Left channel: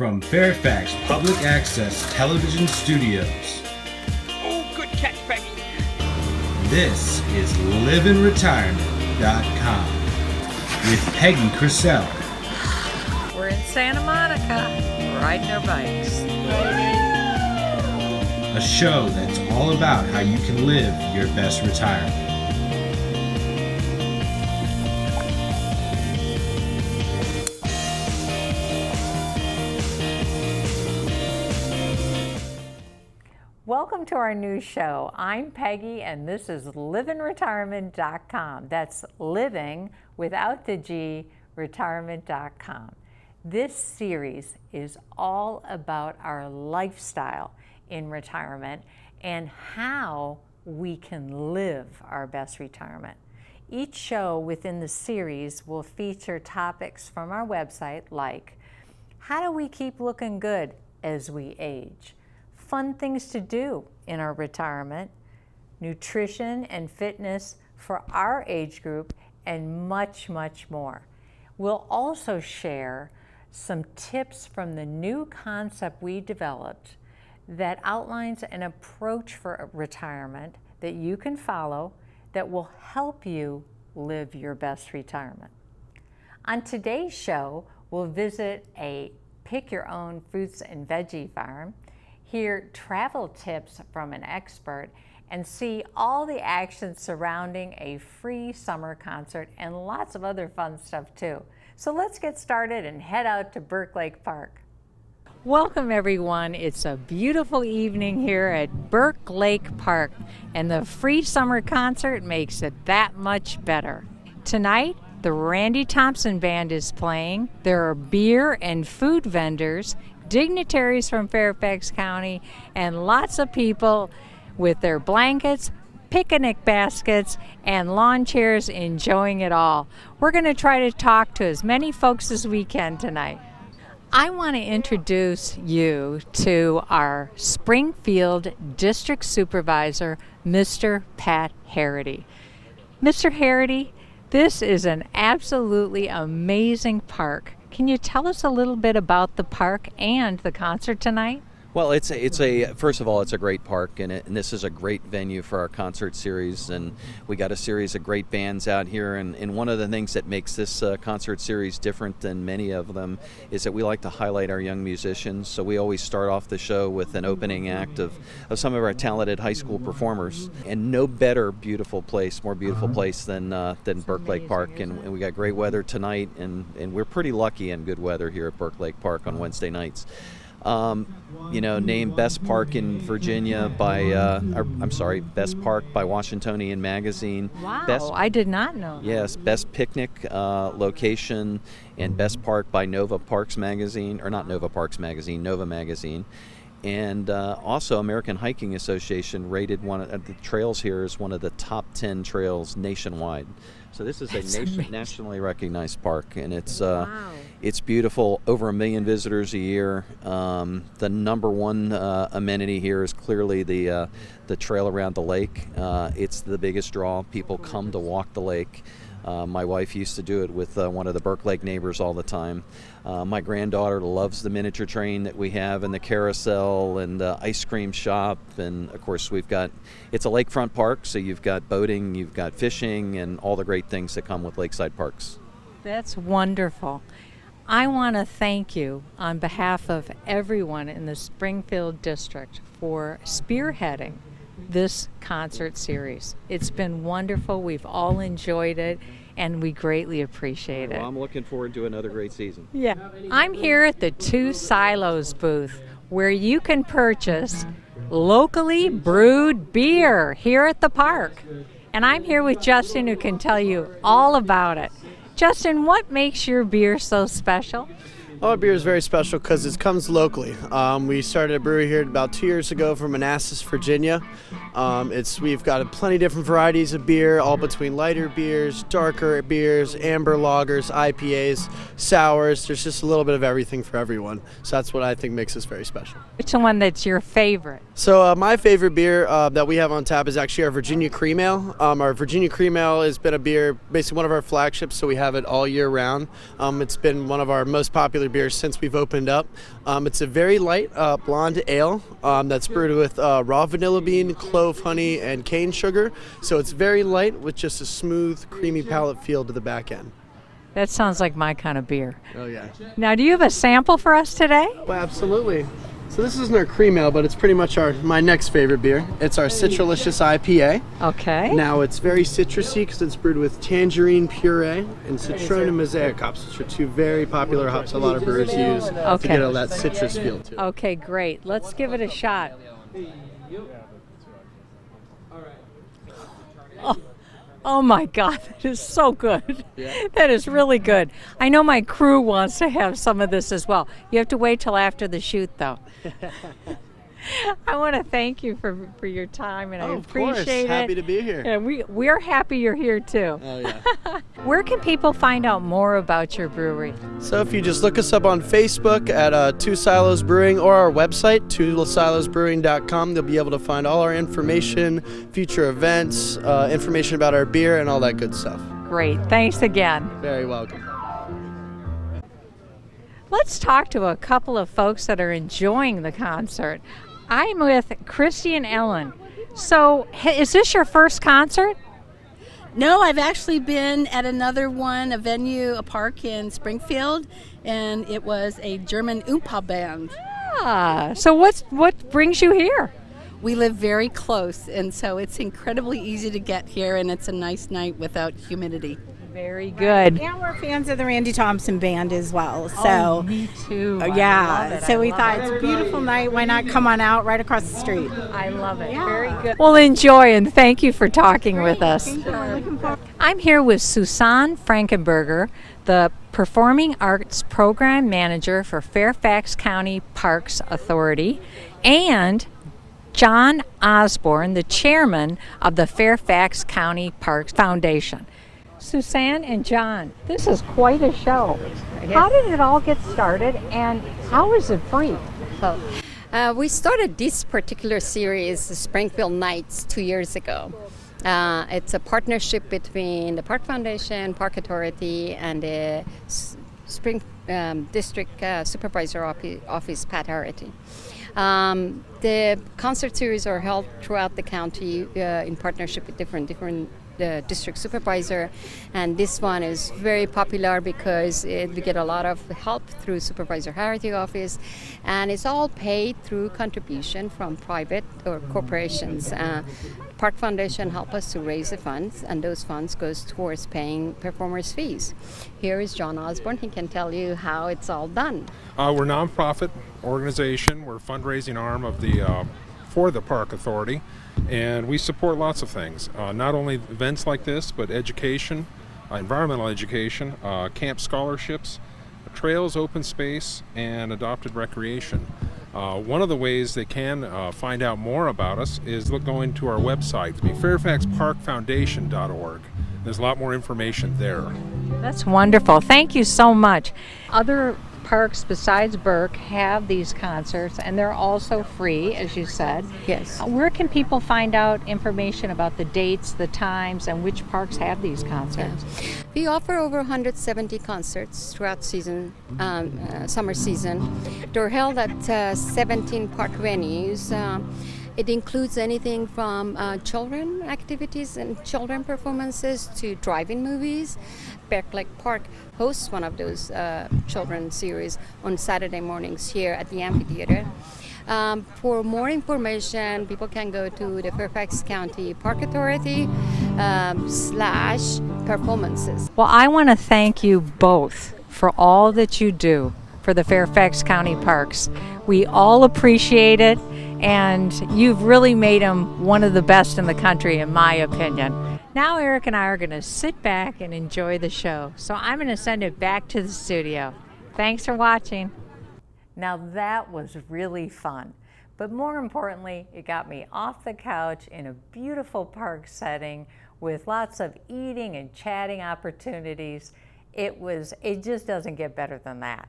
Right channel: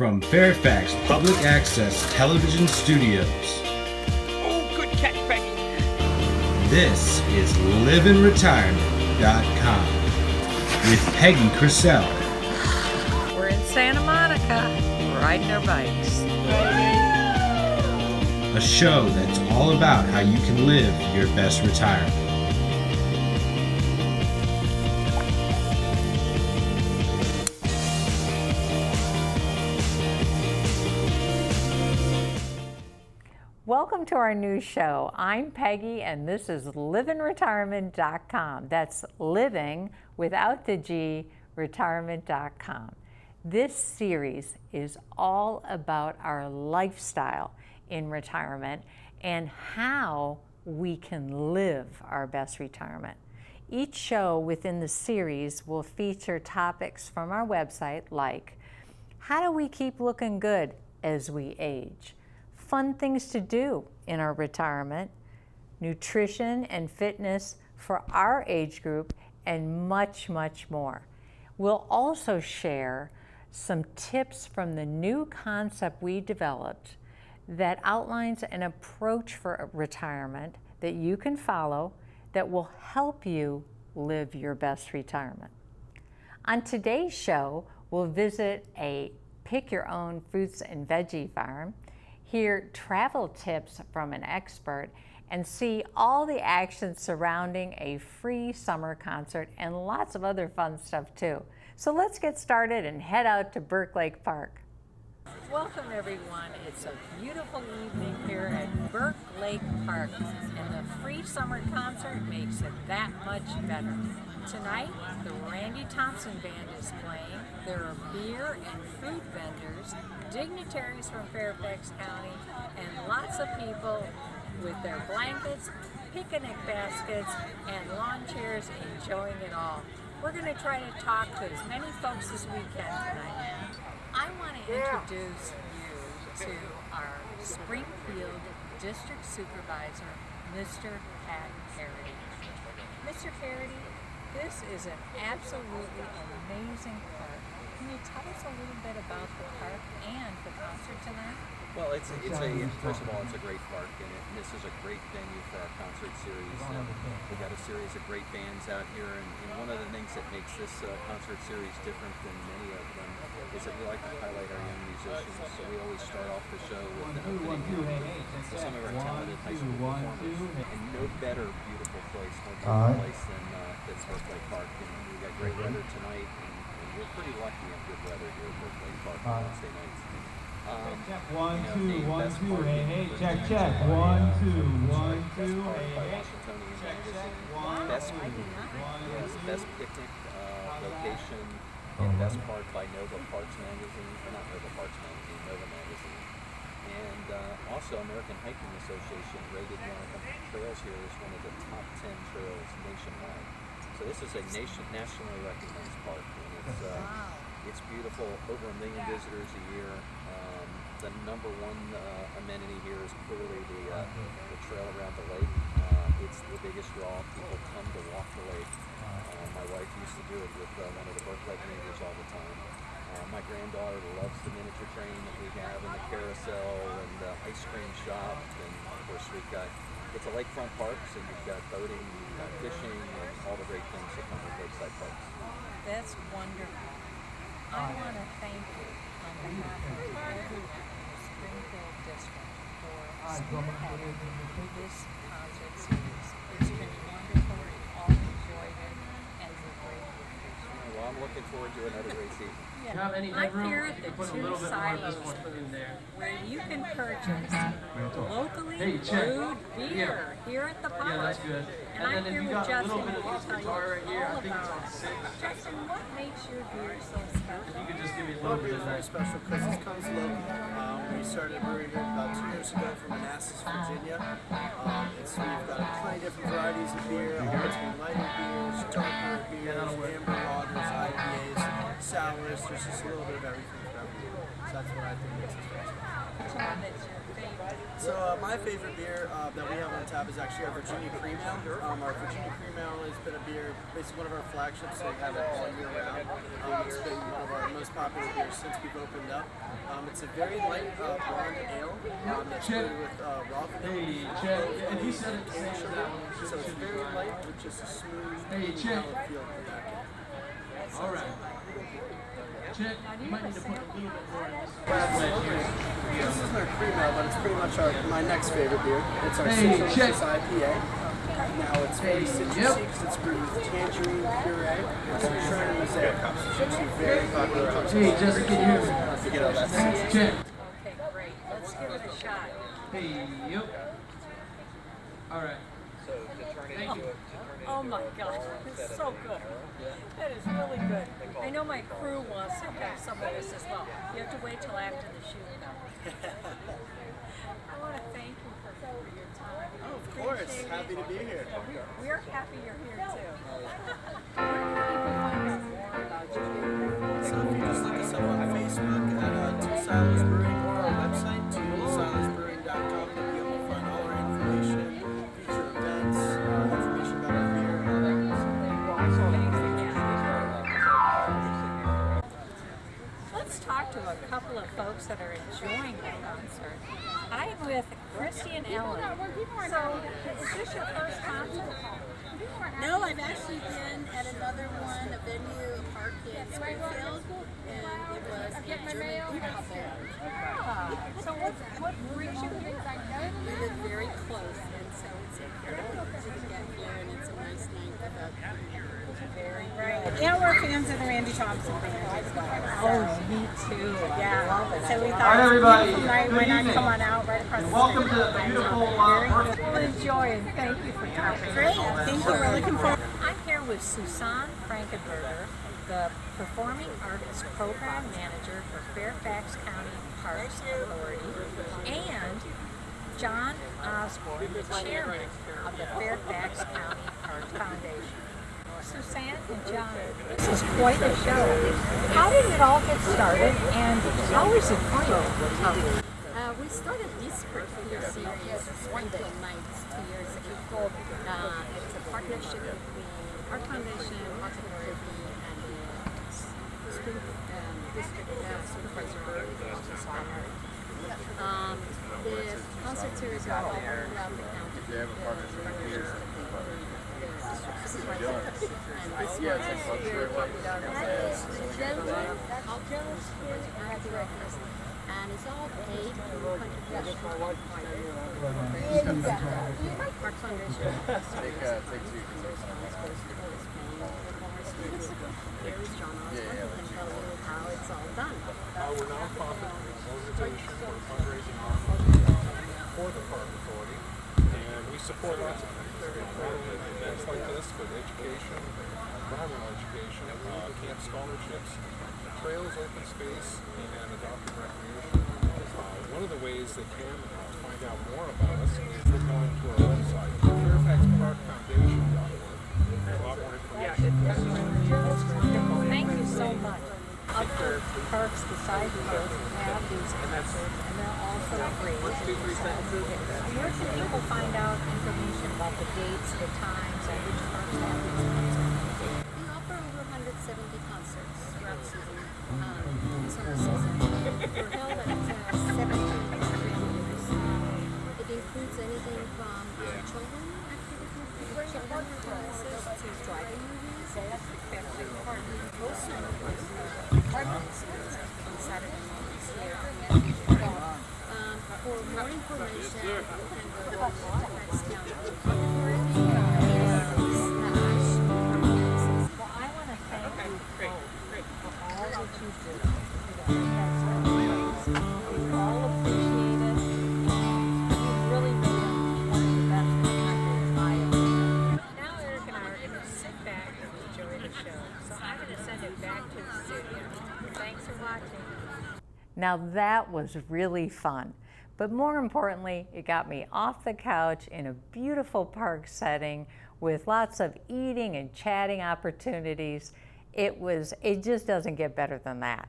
From Fairfax Public Access Television Studios. Oh, good catch, Peggy. This is livinretirement.com with Peggy Crisell. We're in Santa Monica, riding our bikes. A show that's all about how you can live your best retirement. Welcome to our new show. I'm Peggy and this is livinretirement.com. That's living without the G, retirement.com. This series is all about our lifestyle in retirement and how we can live our best retirement. Each show within the series will feature topics from our website like how do we keep looking good as we age? Fun things to do in our retirement, nutrition and fitness for our age group, and much, much more. We'll also share some tips from the new concept we developed that outlines an approach for retirement that you can follow that will help you live your best retirement. On today's show, we'll visit a pick your own fruits and veggie farm, hear travel tips from an expert, and see all the action surrounding a free summer concert and lots of other fun stuff too. So let's get started and head out to Burke Lake Park. Welcome everyone. It's a beautiful evening here at Burke Lake Park, and the free summer concert makes it that much better. Tonight, the Randy Thompson Band is playing. There are beer and food vendors, dignitaries from Fairfax County, and lots of people with their blankets, picnic baskets, and lawn chairs enjoying it all. We're going to try to talk to as many folks as we can tonight. I want to introduce you to our Springfield District Supervisor, Mr. Pat Harity. Mr. Harity, this is an absolutely amazing park. Can you tell us a little bit about the park and the concert tonight? Well, first of all, it's a great park, and this is a great venue for our concert series, and we got a series of great bands out here, and one of the things that makes this concert series different than many of them is that we like to highlight our young musicians, so we always start off the show with an opening act of some of our talented high school performers, and no better more beautiful place than Burke Lake Park, and we got great weather tonight, and we're pretty lucky in good weather here at Burke Lake Park on Wednesday nights. Named Best Park in Virginia Best Park by Washingtonian Magazine. Wow, I did not know. Yes, Best Picnic Location and Best Park by Nova Magazine. Nova Magazine. And also American Hiking Association rated one of the trails here as one of the top 10 trails nationwide. So this is nationally recognized park, and it's It's beautiful, over 1 million visitors a year. The number one amenity here is clearly the trail around the lake. It's the biggest draw. People come to walk the lake. My wife used to do it with one of the Burke Lake neighbors all the time. My granddaughter loves the miniature train that we have, and the carousel and the ice cream shop, and of course it's a lakefront park, so you've got boating, you've got fishing, and all the great things that come with lakeside parks. That's wonderful. I want to thank you on behalf of everyone in the Springfield District for spearheading this concert series. It's been wonderful. We've all enjoyed it, and we greatly appreciate it. Well, I'm looking forward to another great season. Yeah. I'm here at the Two Silos booth, where you can purchase locally brewed beer here at the park. And I'm here with Justin, who can tell you all about it. Justin, what makes your beer so special? Our beer is very special because it comes locally. We started a brewery here about 2 years ago from Manassas, Virginia. We've got plenty of different varieties of beer, all between lighter beers, darker beers, amber lagers, IPAs, sours. There's just a little bit of everything for everyone. So that's what I think makes us very special. Which one that's your favorite? So my favorite beer that we have on tap is actually our Virginia Cream Ale. Our Virginia Cream Ale has been a beer, basically one of our flagships, so we have it all year round. It's been one of our most popular beer since we've opened up. It's a very light blonde ale that's brewed with raw vanilla bean, clove honey, and cane sugar. So it's very light with just a smooth, creamy palate feel to the back end. That sounds like my kind of beer. Oh yeah. Now, do you have a sample for us today? Absolutely. So this isn't our cream ale, but it's pretty much my next favorite beer. It's our Citralicious IPA. Okay. Now it's very citrusy because it's brewed with tangerine puree and citron and mosaic hops, which are two very popular hops a lot of brewers use to get all that citrus feel to it. Okay, great. Let's give it a shot. Oh my God, that is so good. That is really good. I know my crew wants to have some of this as well. You have to wait till after the shoot, though. I want to thank you for your time, and I appreciate it. Happy to be here. Yeah, we're happy you're here too. Oh yeah. Where can people find out more about your brewery? So if you just look us up on Facebook at Two Silos Brewing or our website, twosilosbrewing.com, you'll be able to find all our information, future events, information about our beer, and all that good stuff. Great. Thanks again. Very welcome. Let's talk to a couple of folks that are enjoying the concert. I'm with Christy and Ellen. So, is this your first concert? No, I've actually been at another one, a venue, a park in Springfield, and it was a German Oompa band. Ah, so what brings you here? We live very close, and so it's incredibly easy to get here, and it's a nice night without humidity. Very good. And we're fans of the Randy Thompson band as well. So, me too. yeah. So we thought it's a beautiful night. Why not come on out right across the street? I love it. Very good. Well, enjoy, and thank you for talking with us. Thank you. We're looking forward. I'm here with Susanne Frankenberger, the Performing Arts Program Manager for Fairfax County Parks Authority, and John Osborne, the Chairman of the Fairfax County Parks Foundation. Susanne and John, this is quite a show. How did it all get started, and how is it free? We started this particular series, Springfield Nights, 2 years ago. It's a partnership between the Park Foundation, Park Authority, and the Spring District Supervisor Office, Pat Harity. The concert series are held throughout the county in partnership with different the district supervisor, and this one is very popular because we get a lot of help through Supervisor Harity office, and it's all paid through contribution from private or corporations. Park Foundation help us to raise the funds, and those funds goes towards paying performers' fees. Here is John Osborne. He can tell you how it's all done. We're a nonprofit organization. We're a fundraising arm of for the Park Authority, and we support lots of things. Not only events like this, but education, environmental education, camp scholarships, trails, open space, and adopted recreation. One of the ways they can find out more about us is going to our website, fairfaxparkfoundation.org. There's a lot more information there. That's wonderful. Thank you so much. Other parks besides Burke have these concerts, and they're also free, as you said. Yes. Where can people find out information about the dates, the times, and which parks have these concerts? We offer over 170 concerts throughout season, summer season. They're held at 17 park venues. It includes anything from children activities and children performances to drive-in movies. Burke Lake Park hosts one of those children's series on Saturday mornings here at the amphitheater. For more information, people can go to the Fairfax County Park Authority /performances. Well, I want to thank you both for all that you do for the Fairfax County Parks. We all appreciate it, and you've really made them one of the best in the country, in my opinion. Now Eric and I are going to sit back and enjoy the show, so I'm going to send it back to the studio. Thanks for watching. Now that was really fun, but more importantly, it got me off the couch in a beautiful park setting with lots of eating and chatting opportunities. It just doesn't get better than that.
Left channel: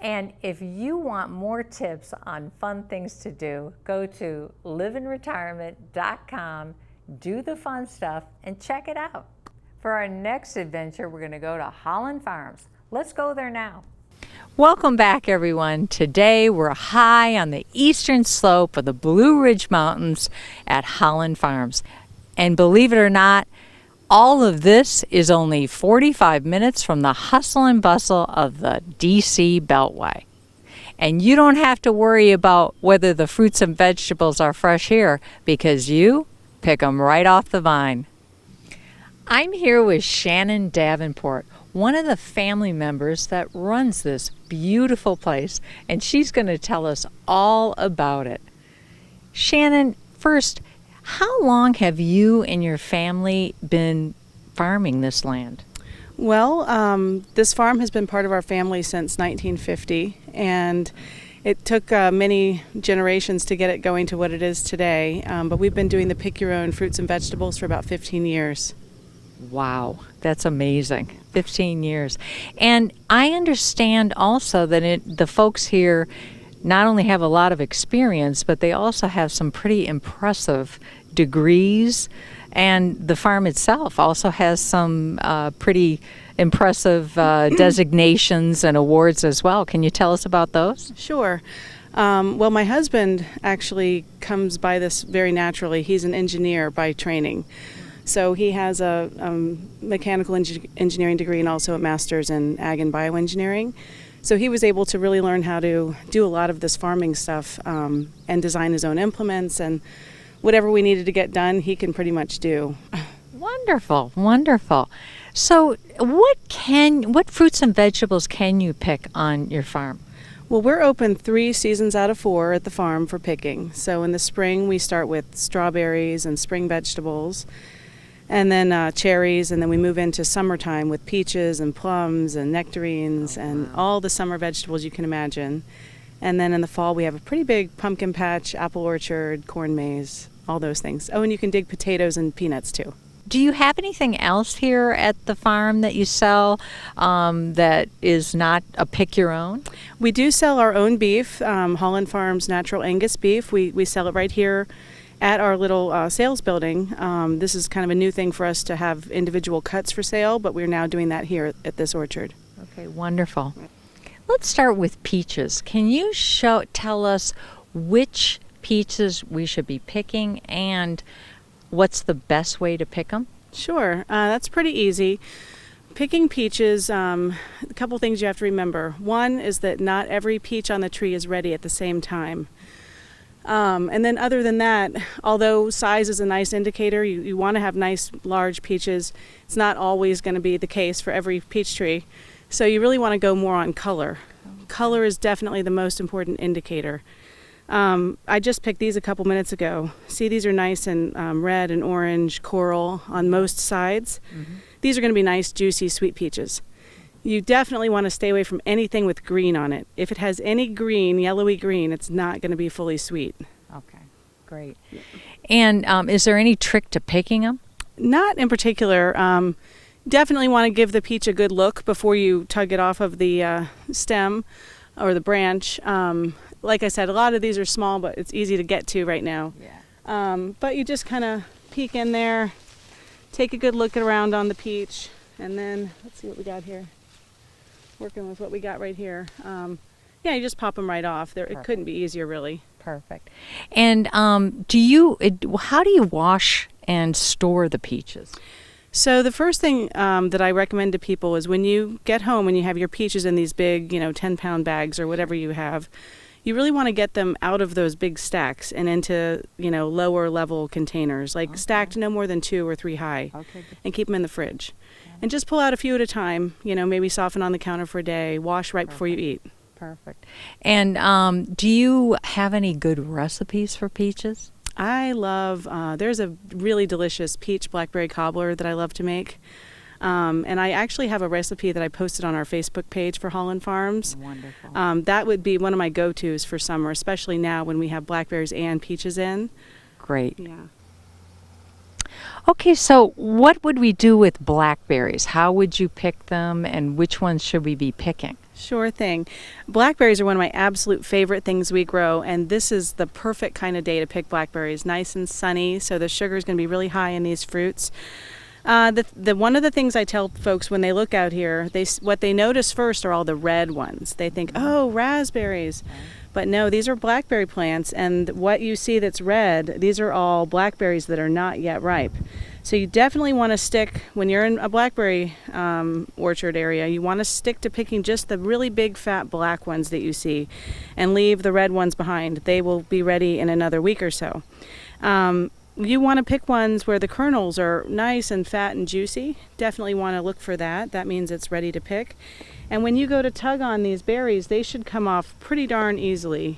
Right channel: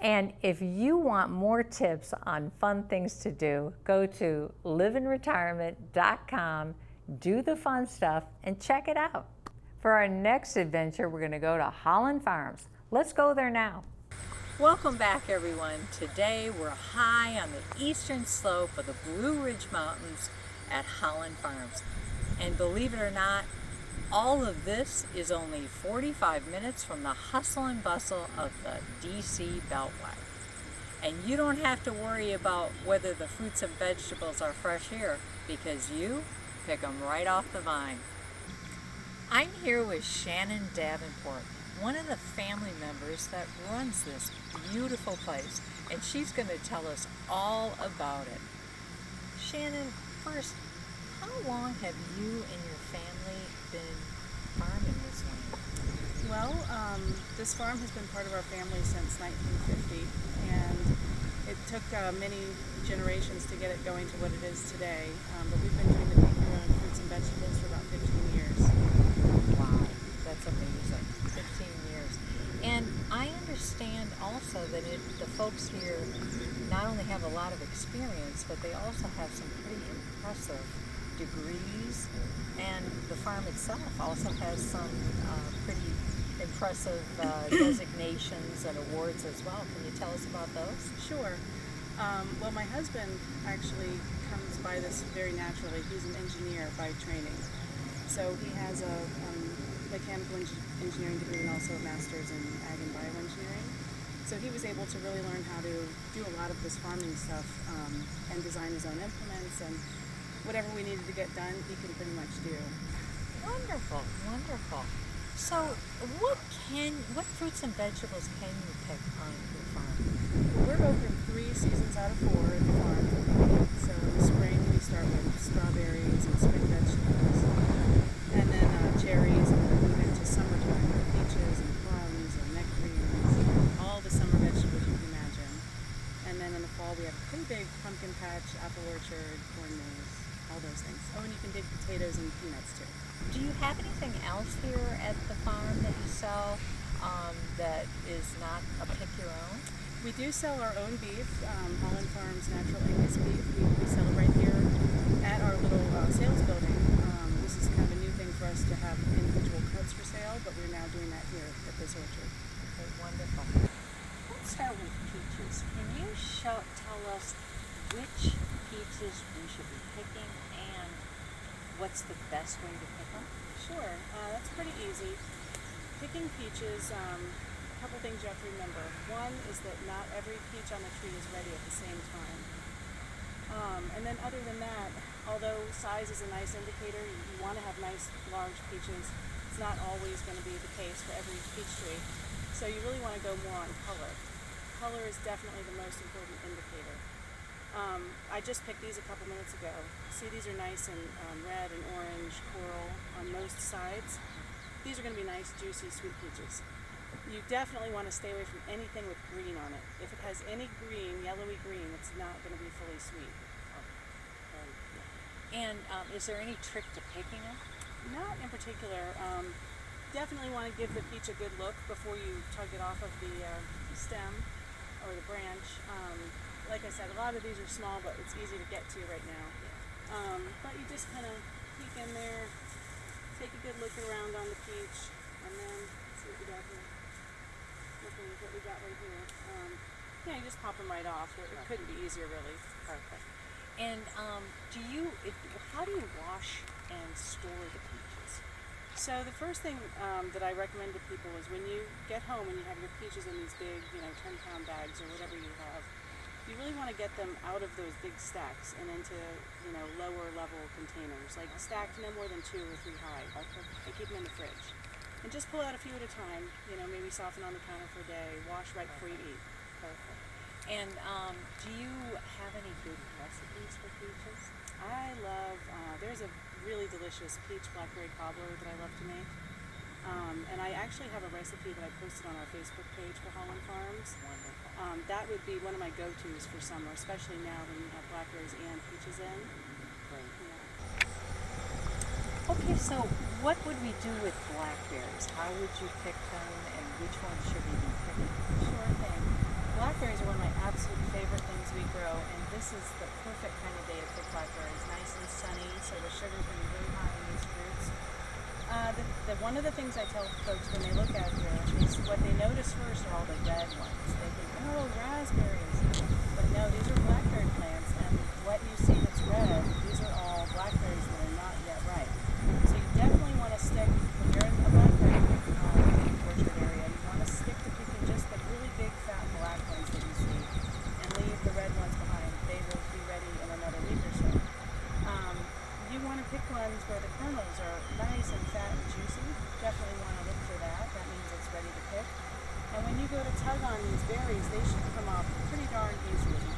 And if you want more tips on fun things to do, go to liveinretirement.com, do the fun stuff, and check it out. For our next adventure, we're going to go to Hollin Farms. Let's go there now. Welcome back, everyone. Today we're high on the eastern slope of the Blue Ridge Mountains at Hollin Farms. And believe it or not, all of this is only 45 minutes from the hustle and bustle of the DC Beltway. And you don't have to worry about whether the fruits and vegetables are fresh here because you pick them right off the vine. I'm here with Shannon Davenport, one of the family members that runs this beautiful place, and she's going to tell us all about it. Shannon, first, how long have you and your family been farming this land? Well, this farm has been part of our family since 1950, and it took many generations to get it going to what it is today, but we've been doing the pick your own fruits and vegetables for about 15 years. Wow, that's amazing. 15 years. And I understand also that the folks here not only have a lot of experience, but they also have some pretty impressive degrees, and the farm itself also has some pretty impressive designations and awards as well. Can you tell us about those? Sure. Well, my husband actually comes by this very naturally. He's an engineer by training. So he has a mechanical engineering degree and also a master's in ag and bioengineering. So he was able to really learn how to do a lot of this farming stuff and design his own implements, and whatever we needed to get done, he can pretty much do. Wonderful, wonderful. So what fruits and vegetables can you pick on your farm? Well, we're open 3 seasons out of 4 at the farm for picking. So in the spring, we start with strawberries and spring vegetables, and then cherries, and then we move into summertime with peaches and plums and nectarines and all the summer vegetables you can imagine. And then in the fall, we have a pretty big pumpkin patch, apple orchard, corn maze, all those things. Oh, and you can dig potatoes and peanuts too. Do you have anything else here at the farm that you sell that is not a pick your own? We do sell our own beef, Hollin Farms natural Angus beef. We sell it right here at our little sales building. This is kind of a new thing for us to have individual cuts for sale, but we're now doing that here at this orchard. Okay, wonderful. Let's start with peaches. Can you tell us which peaches we should be picking and what's the best way to pick them? Sure, that's pretty easy. Picking peaches, a couple things you have to remember. One is that not every peach on the tree is ready at the same time. And then other than that, although size is a nice indicator, you want to have nice large peaches. It's not always going to be the case for every peach tree. So you really want to go more on color. Color is definitely the most important indicator. I just picked these a couple minutes ago. See, these are nice and red and orange coral on most sides. Mm-hmm. These are going to be nice, juicy, sweet peaches. You definitely want to stay away from anything with green on it. If it has any green, yellowy green, it's not going to be fully sweet. Okay, great. Yeah. And is there any trick to picking them? Not in particular. Definitely want to give the peach a good look before you tug it off of the stem or the branch. Like I said, a lot of these are small, but it's easy to get to right now. Yeah. But you just kind of peek in there, take a good look around on the peach, and then let's see what we got here. Working with what we got right here. Yeah, you just pop them right off. It couldn't be easier, really. Perfect. And how do you wash and store the peaches? So the first thing that I recommend to people is when you get home and you have your peaches in these big, 10-pound bags or whatever you have, you really want to get them out of those big stacks and into, lower level containers, like stacked no more than 2 or 3 high, and keep them in the fridge. And just pull out a few at a time, maybe soften on the counter for a day, wash right before you eat. Perfect. And do you have any good recipes for peaches? I love, there's a really delicious peach blackberry cobbler that I love to make. And I actually have a recipe that I posted on our Facebook page for Hollin Farms. Wonderful. That would be one of my go-tos for summer, especially now when we have blackberries and peaches in. Great. Yeah. Okay, so what would we do with blackberries? How would you pick them, and which ones should we be picking? Sure thing. Blackberries are one of my absolute favorite things we grow, and this is the perfect kind of day to pick blackberries. Nice and sunny, so the sugar is going to be really high in these fruits. One of the things I tell folks when they look out here, what they notice first are all the red ones. They think, oh, raspberries. But no, these are blackberry plants, and what you see that's red, these are all blackberries that are not yet ripe. So you definitely want to stick, when you're in a blackberry orchard area, you want to stick to picking just the really big fat black ones that you see and leave the red ones behind. They will be ready in another week or so. You want to pick ones where the kernels are nice and fat and juicy. Definitely want to look for that. That means it's ready to pick. And when you go to tug on these berries, they should come off pretty darn easily.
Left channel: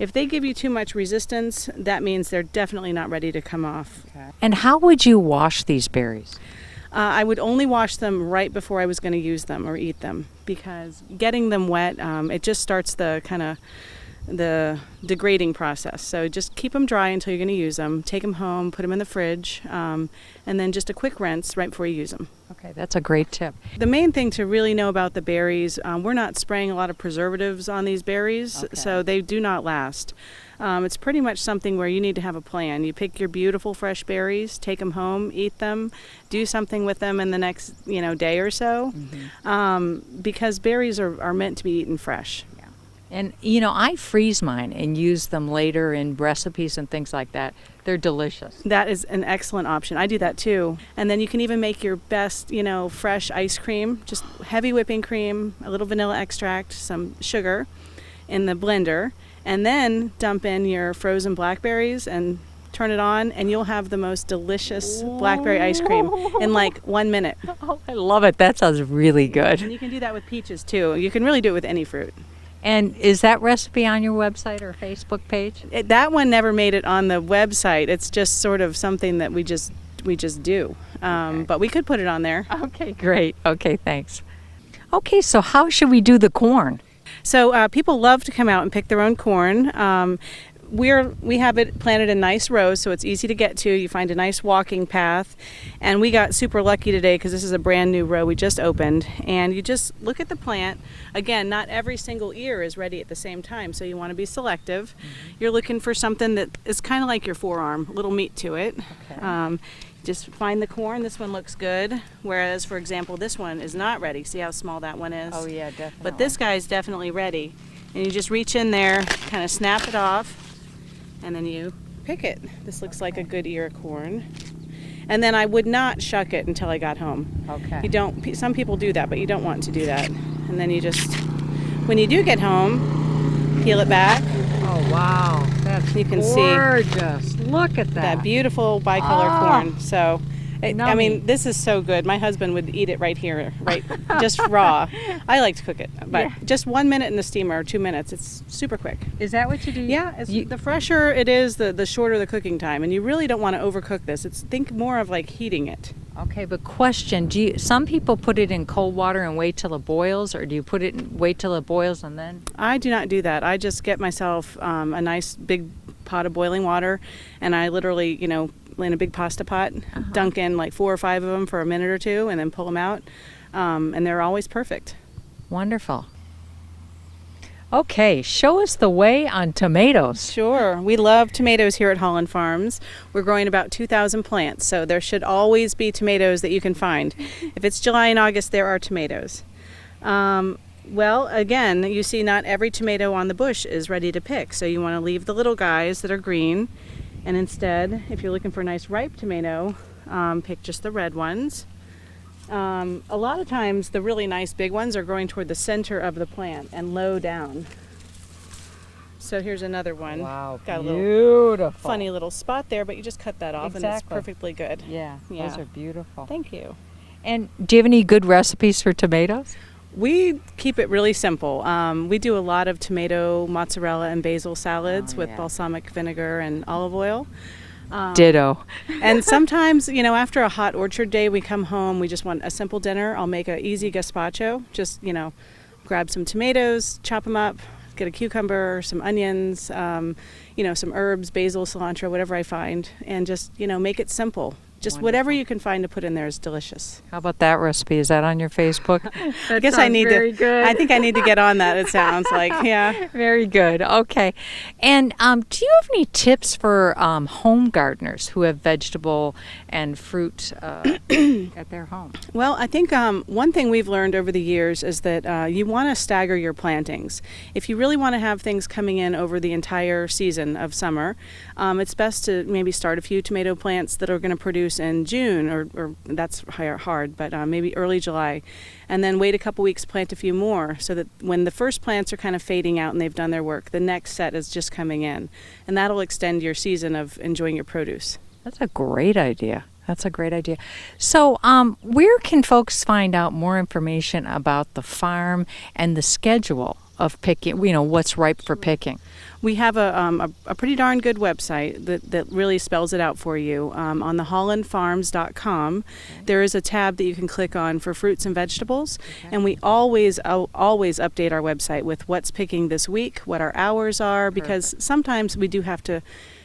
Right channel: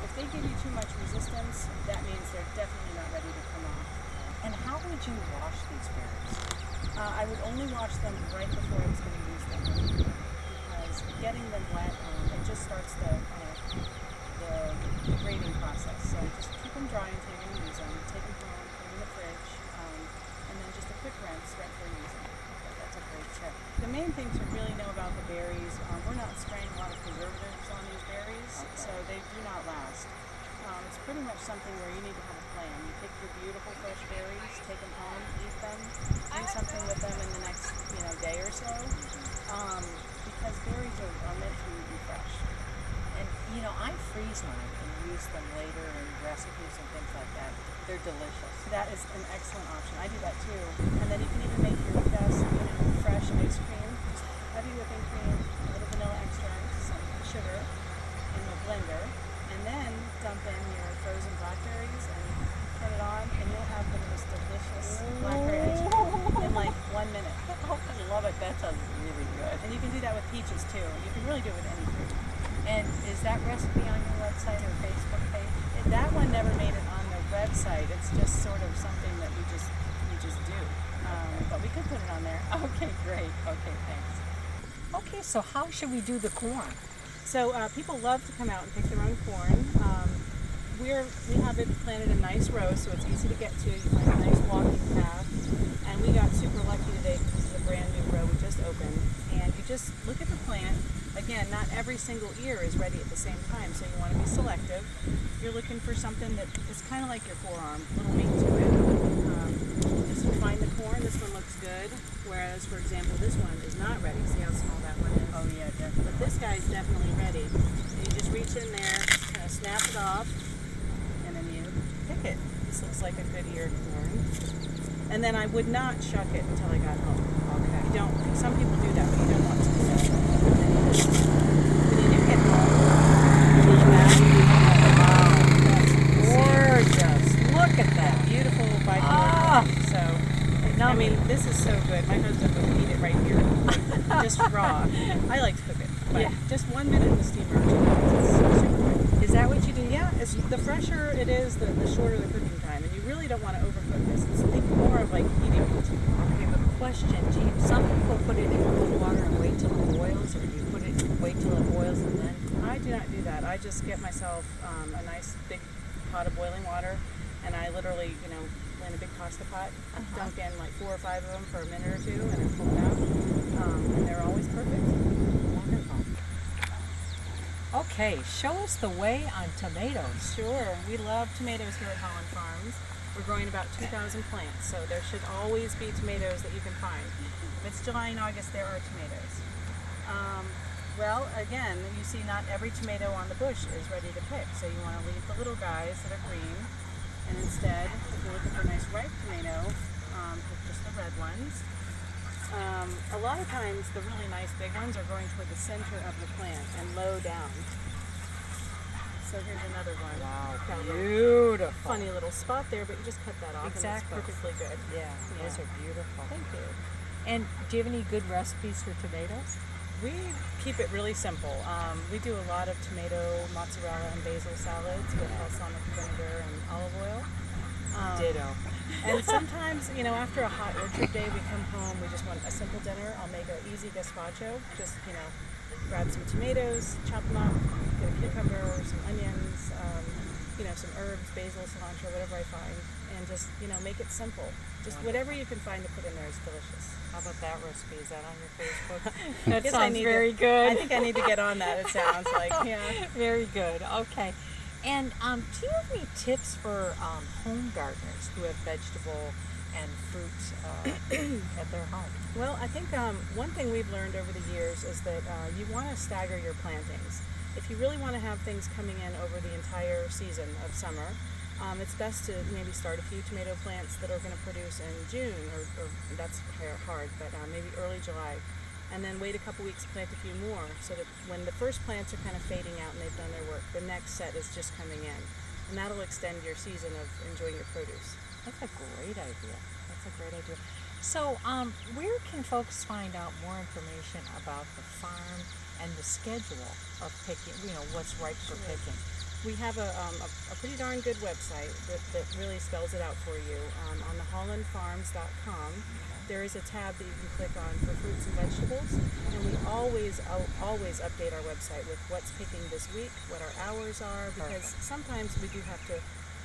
If they give you too much resistance, that means they're definitely not ready to come off. And how would you wash these berries? I would only wash them right before I was going to use them or eat them, because getting them wet, it just starts the degrading process. So just keep them dry until you're going to use them. Take them home, put them in the fridge, and then just a quick rinse right before you use them. Okay, that's a great tip. The main thing to really know about the berries, we're not spraying a lot of preservatives on these berries, so they do not last. It's pretty much something where you need to have a plan. You pick your beautiful fresh berries, take them home, eat them, do something with them in the next day or so, because berries are meant to be eaten fresh. And I freeze mine and use them later in recipes and things like that. They're delicious. That is an excellent option. I do that too. And then you can even make your best, fresh ice cream, just heavy whipping cream, a little vanilla extract, some sugar in the blender, and then dump in your frozen blackberries and turn it on, and you'll have the most delicious blackberry ice cream in like 1 minute. Oh, I love it. That sounds really good. And you can do that with peaches too. You can really do it with any fruit. And is that recipe on your website or Facebook page? That one never made it on the website. It's just sort of something that we just do. But we could put it on there. Okay, great. Okay, thanks. Okay, so how should we do the corn? So people love to come out and pick their own corn. We have it planted in nice rows, so it's easy to get to. You find a nice walking path. And we got super lucky today because this is a brand new row we just opened. And you just look at the plant. Again, not every single ear is ready at the same time, so you want to be selective. You're looking for something that is kind of like your forearm, a little meat to it. Just find the corn. This one looks good, whereas, for example, this one is not ready. See how small that one is? Oh, yeah, definitely. But this guy is definitely ready. And you just reach in there, kind of snap it off, and then you pick it. This looks like a good ear of corn. And then I would not shuck it until I got home. Okay. You don't. Some people do that, but you don't want to do that. And then you just, when you do get home, peel it back. Oh, wow. You can gorgeous. see. Look at that beautiful bicolor corn. So, I mean, this is so good. My husband would eat it right here, right, just raw. I like to cook it, but just 1 minute in the steamer, or 2 minutes. It's super quick. Is that what you do? Yeah, the fresher it is, the shorter the cooking time, and you really don't want to overcook this. Think more of like heating it. Okay, but question: some people put it in cold water and wait till it boils, or do you wait till it boils and then? I do not do that. I just get myself a nice big pot of boiling water, and I literally, in a big pasta pot, dunk in like 4 or 5 of them for a minute or two, and then pull them out, and they're always perfect. Wonderful. Okay, show us the way on tomatoes. Sure. We love tomatoes here at Hollin Farms. We're growing about 2,000 plants, so there should always be tomatoes that you can find. If it's July and August, there are tomatoes. Well, again, you see not every tomato on the bush is ready to pick, so you want to leave the little guys that are green, and instead, if you're looking for a nice ripe tomato, pick just the red ones. A lot of times the really nice big ones are growing toward the center of the plant and low down. So here's another one. Wow, got a beautiful. little funny little spot there, but you just cut that off. Exactly. And it's perfectly good. Yeah, those are beautiful. Thank you. And do you have any good recipes for tomatoes? We keep it really simple. We do a lot of tomato, mozzarella, and basil salads with balsamic vinegar and olive oil. Ditto. And sometimes, after a hot orchard day, we come home, we just want a simple dinner. I'll make an easy gazpacho. Just, grab some tomatoes, chop them up, get a cucumber, some onions, some herbs, basil, cilantro, whatever I find, and just, make it simple. Just whatever you can find to put in there is delicious. How about that recipe? Is that on your Facebook? I guess I need very good. I think I need to get on that, it sounds like. Yeah. Very good. Okay. And do you have any tips for home gardeners who have vegetable and fruit at their home? Well, I think one thing we've learned over the years is that you want to stagger your plantings. If you really want to have things coming in over the entire season of summer, it's best to maybe start a few tomato plants that are going to produce in June, or that's hard, but maybe early July. And then wait a couple weeks, plant a few more, so that when the first plants are kind of fading out and they've done their work, the next set is just coming in. And that'll extend your season of enjoying your produce. That's a great idea. That's a great idea. So where can folks find out more information about the farm and the schedule of picking, what's ripe for picking? We have a pretty darn good website that really spells it out for you. On the hollinfarms.com, there is a tab that you can click on for fruits and vegetables, and we always update our website with what's picking this week, what our hours are, because sometimes we do have to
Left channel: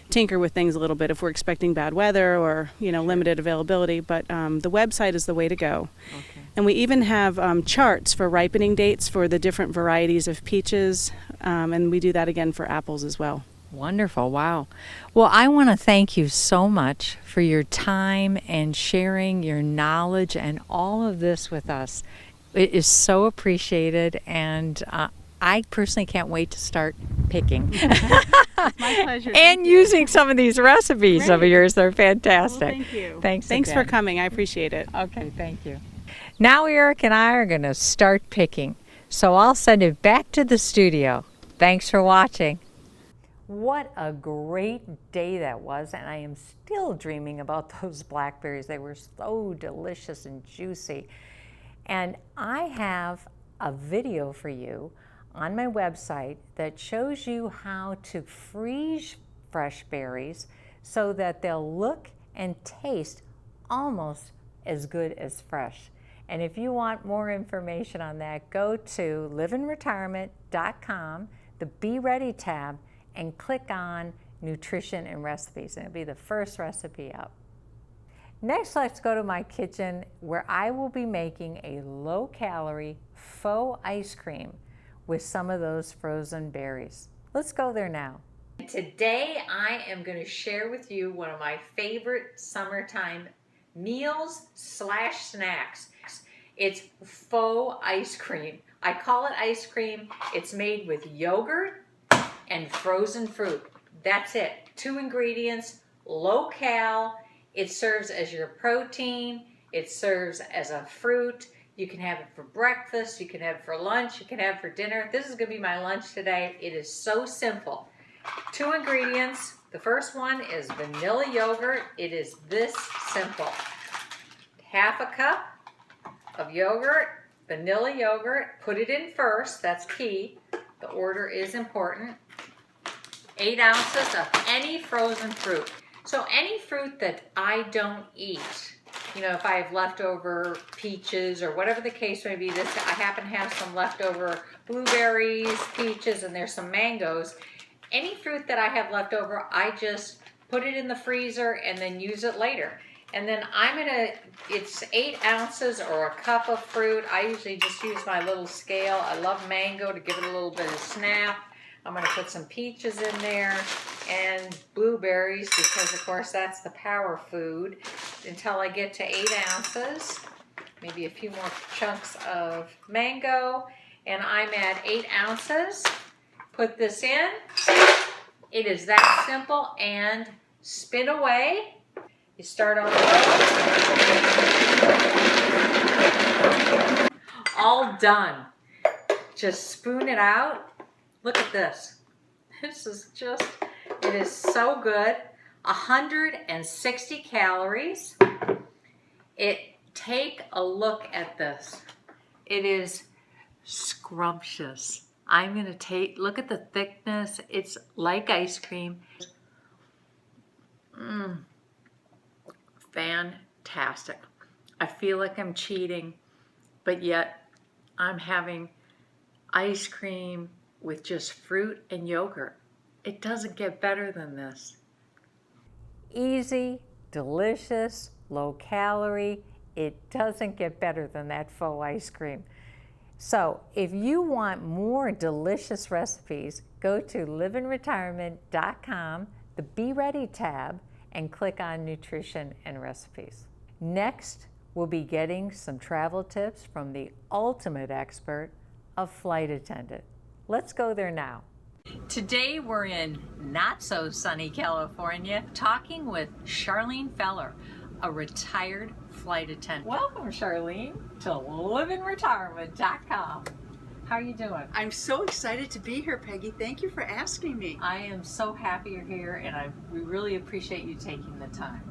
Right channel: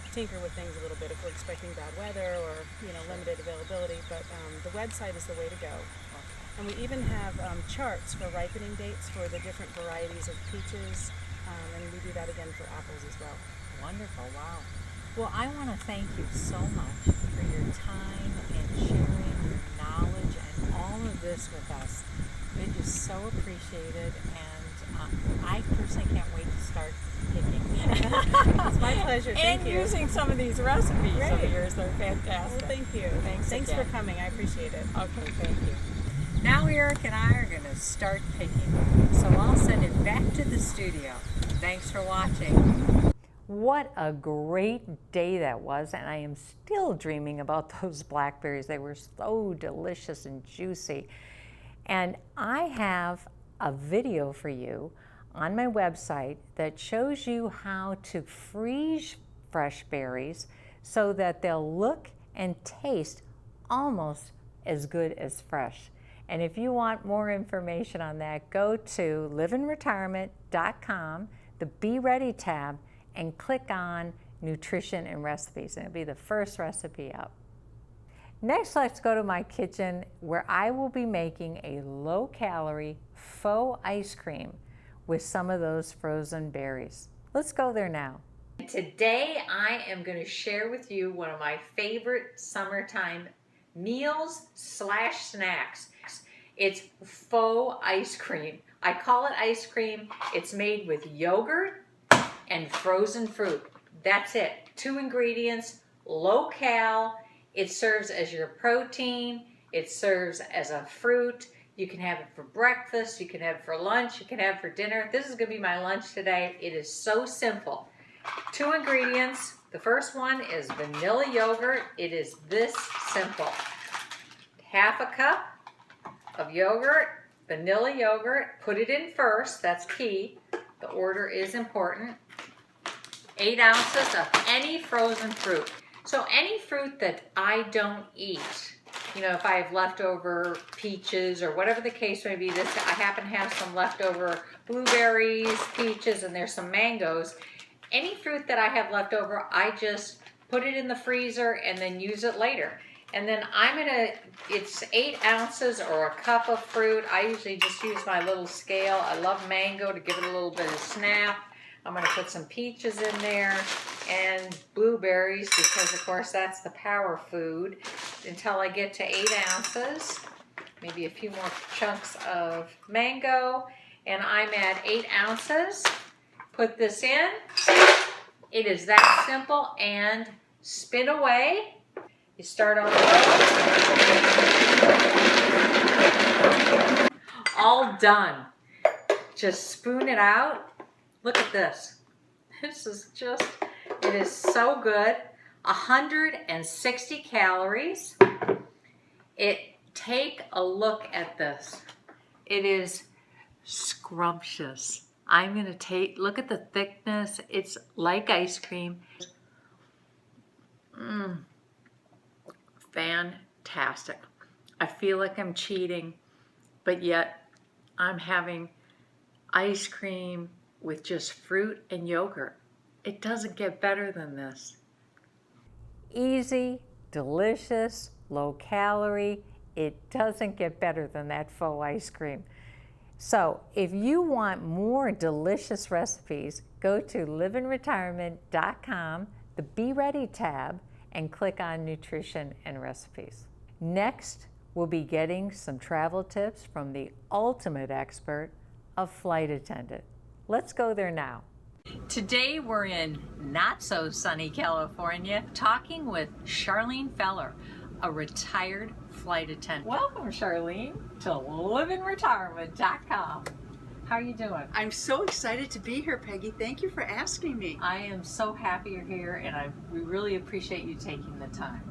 tinker with things a little bit if we're expecting bad weather or limited availability, but the website is the way to go. Okay. And we even have charts for ripening dates for the different varieties of peaches, and we do that again for apples as well. Wonderful. Wow. Well, I want to thank you so much for your time and sharing your knowledge and all of this with us. It is so appreciated, and I personally can't wait to start picking. It's my pleasure. And using some of these recipes of yours. They're fantastic. Well, thank you. Thanks for coming. I appreciate it. Okay, thank you. Now Eric and I are going to start picking, so I'll send it back to the studio. Thanks for watching. What a great day that was, and I am still dreaming about those blackberries. They were so delicious and juicy. And I have a video for you on my website that shows you how to freeze fresh berries so that they'll look and taste almost as good as fresh. And if you want more information on that, go to livinretirement.com, the Be Ready tab, and click on Nutrition and Recipes, and it'll be the first recipe up. Next, let's go to my kitchen where I will be making a low-calorie faux ice cream with some of those frozen berries. Let's go there now. Today, I am going to share with you one of my favorite summertime meals/snacks. It's faux ice cream. I call it ice cream. It's made with yogurt and frozen fruit. That's it. 2 ingredients, low-cal. It serves as your protein. It serves as a fruit. You can have it for breakfast. You can have it for lunch. You can have it for dinner. This is going to be my lunch today. It is so simple. 2 ingredients. The first one is vanilla yogurt. It is this simple. 1/2 cup of yogurt, vanilla yogurt. Put it in first. That's key. The order is important. 8 ounces of any frozen fruit. So any fruit that I don't eat, if I have leftover peaches or whatever the case may be, I happen to have some leftover blueberries, peaches, and there's some mangoes. Any fruit that I have left over, I just put it in the freezer and then use it later. And then it's 8 ounces or a cup of fruit. I usually just use my little scale. I love mango to give it a little bit of snap. I'm going to put some peaches in there and blueberries because, of course, that's the power food until I get to 8 ounces. Maybe a few more chunks of mango. And I'm at 8 ounces. Put this in. It is that simple. And spin away. You start on the road. All done. Just spoon it out. Look at this. This is just, it is so good. 160 calories. Take a look at this. It is scrumptious. I'm going to look at the thickness. It's like ice cream. Fantastic. I feel like I'm cheating, but yet I'm having ice cream with just fruit and yogurt. It doesn't get better than this. Easy, delicious, low calorie. It doesn't get better than that faux ice cream. So if you want more delicious recipes, go to livinretirement.com, the Be Ready tab, and click on Nutrition and Recipes. Next, we'll be getting some travel tips from the ultimate expert, a flight attendant. Let's go there now. Today we're in not so sunny California talking with Charlene Feller, a retired flight attendant. Welcome, Charlene, to livinretirement.com. How are you doing? I'm so excited to be here, Peggy. Thank you for asking me. I am so happy you're here, and we really appreciate you taking the time.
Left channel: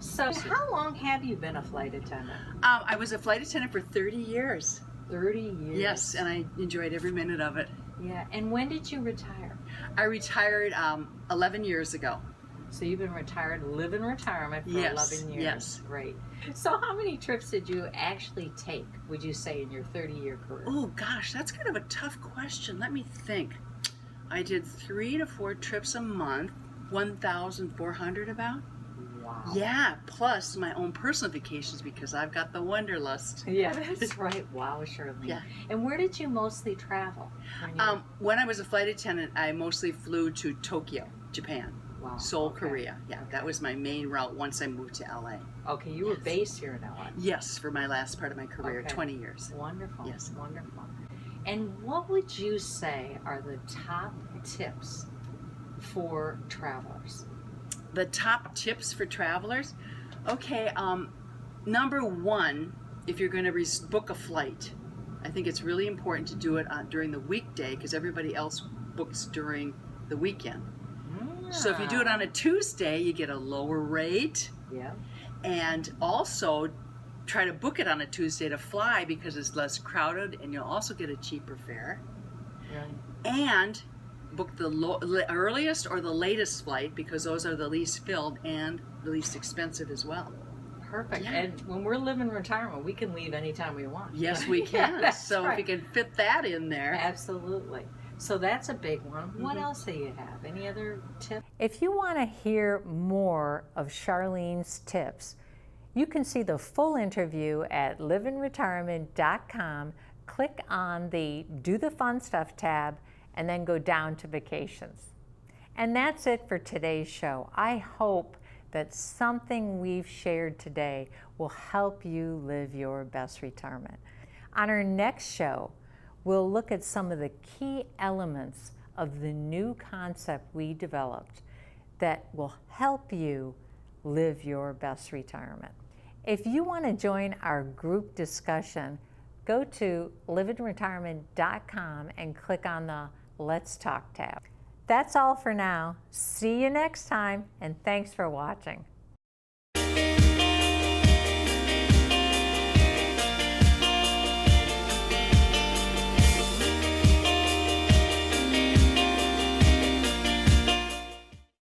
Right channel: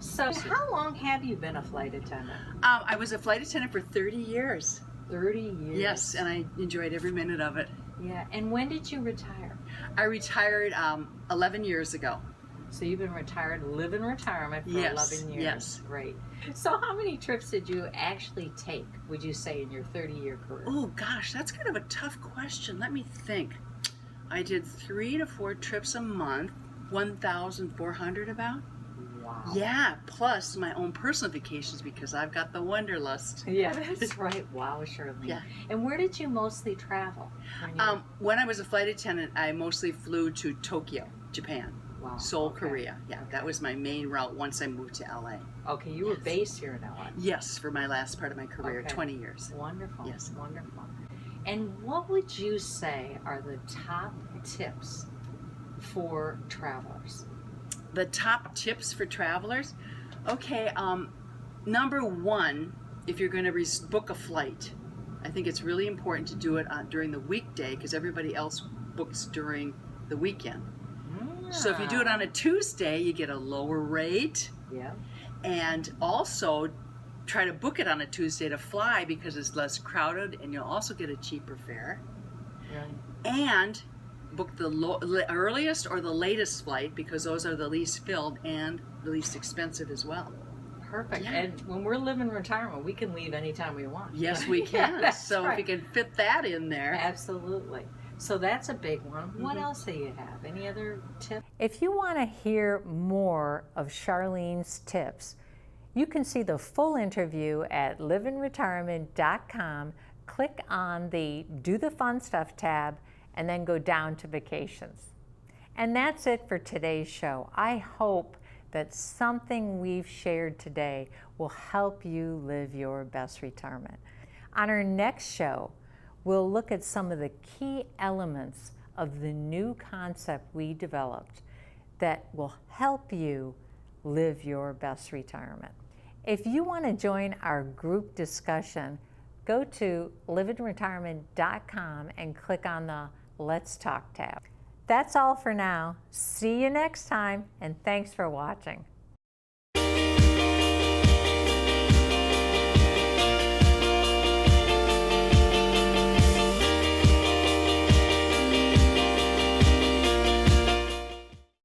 So, how long have you been a flight attendant? I was a flight attendant for 30 years. 30 years? Yes, and I enjoyed every minute of it. Yeah, and when did you retire? I retired 11 years ago. So you've been retired, live in retirement for Yes, 11 years. yes. Great. So how many trips did you actually take, would you say, in your 30-year career? Oh, gosh, that's kind of a tough question. Let me think. I did 3 to 4 trips a month, 1,400 about. Wow. Yeah, plus my own personal vacations because I've got the wanderlust. Yeah, that's right. Wow, Charlene. Yeah. And where did you mostly travel? When I was a flight attendant, I mostly flew to Tokyo, Japan. Wow. Seoul, Okay. Korea. Yeah, that was my main route once I moved to LA. Okay, you were based here in LA. Yes, for my last part of my career, Okay. 20 years. Wonderful. Yes. Wonderful. And what would you say are the top tips for travelers? The top tips for travelers? Okay, number one, if you're going to book a flight, I think it's really important to do it during the weekday because everybody else books during the weekend. So if you do it on a Tuesday, you get a lower rate. Yeah. And also try to book it on a Tuesday to fly because it's less crowded and you'll also get a cheaper fare. Really? And book the earliest or the latest flight because those are the least filled and the least expensive as well. Perfect. Yeah. And when we're living retirement, we can leave anytime we want. Yes, we can. That's So right. if you can fit that in there. Absolutely. So that's a big one. What else do you have? Any other tips? If you want to hear more of Charlene's tips, you can see the full interview at livinretirement.com. Click on the Do the Fun Stuff tab and then go down to Vacations. And that's it for today's show. I hope that something we've shared today will help you live your best retirement. On our next show, we'll look at some of the key elements of the new concept we developed that will help you live your best retirement. If you want to join our group discussion, go to livinretirement.com and click on the Let's Talk tab. That's all for now. See you next time, and thanks for watching.